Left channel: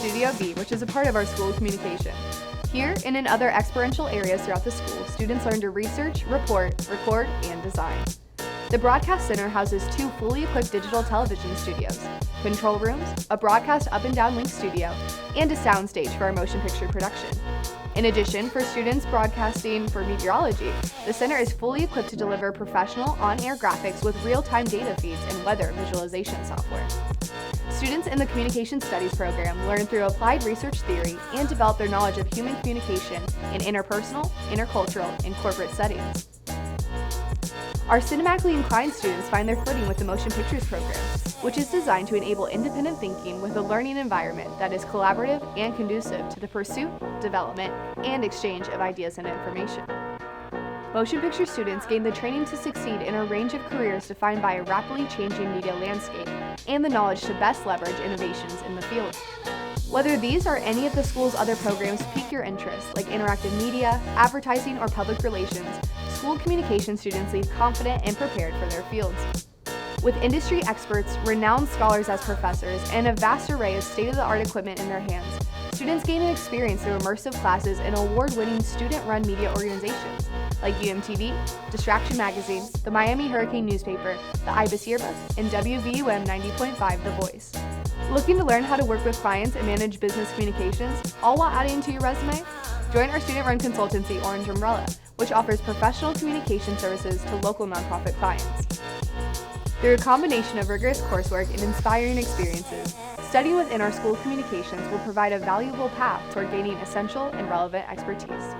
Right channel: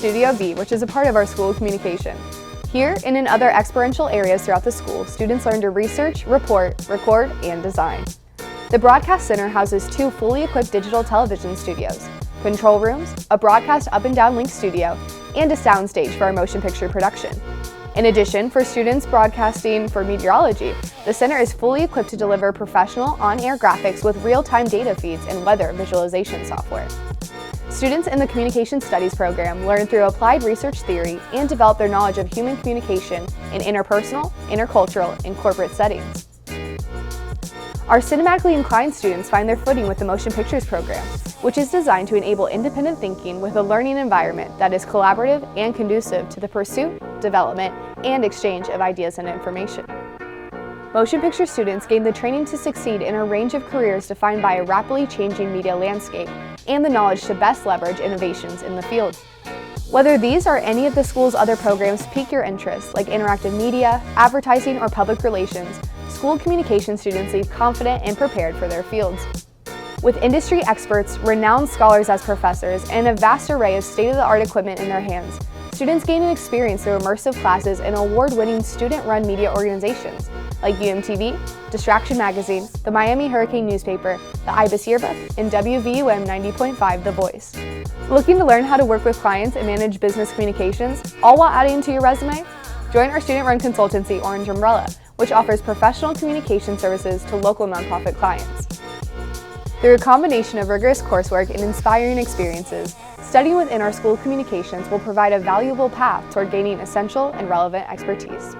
Studio B, which is a part of our School of Communication. Here, and in other experiential areas throughout the school, students learn to research, report, record, and design. The Broadcast Center houses 2 fully equipped digital television studios, control rooms, a broadcast up and down link studio, and a soundstage for our motion picture production. In addition, for students broadcasting for meteorology, the center is fully equipped to deliver professional on-air graphics with real-time data feeds and weather visualization software. Students in the Communication Studies program learn through applied research theory and develop their knowledge of human communication in interpersonal, intercultural, and corporate settings. Our cinematically inclined students find their footing with the Motion Pictures program, which is designed to enable independent thinking with a learning environment that is collaborative and conducive to the pursuit, development, and exchange of ideas and information. Motion picture students gain the training to succeed in a range of careers defined by a rapidly changing media landscape and the knowledge to best leverage innovations in the field. Whether these or any of the school's other programs pique your interest, like interactive media, advertising, or public relations, school communication students leave confident and prepared for their fields. With industry experts, renowned scholars as professors, and a vast array of state-of-the-art equipment in their hands, students gain an experience through immersive classes in award-winning student-run media organizations like UMTV, Distraction Magazine, the Miami Hurricane newspaper, the IBIS yearbook, and WVUM 90.5 The Voice. Looking to learn how to work with clients and manage business communications, all while adding to your resume? Join our student-run consultancy, Orange Umbrella, which offers professional communication services to local nonprofit clients. Through a combination of rigorous coursework and inspiring experiences, studying within our School of Communications will provide a valuable path toward gaining essential and relevant expertise.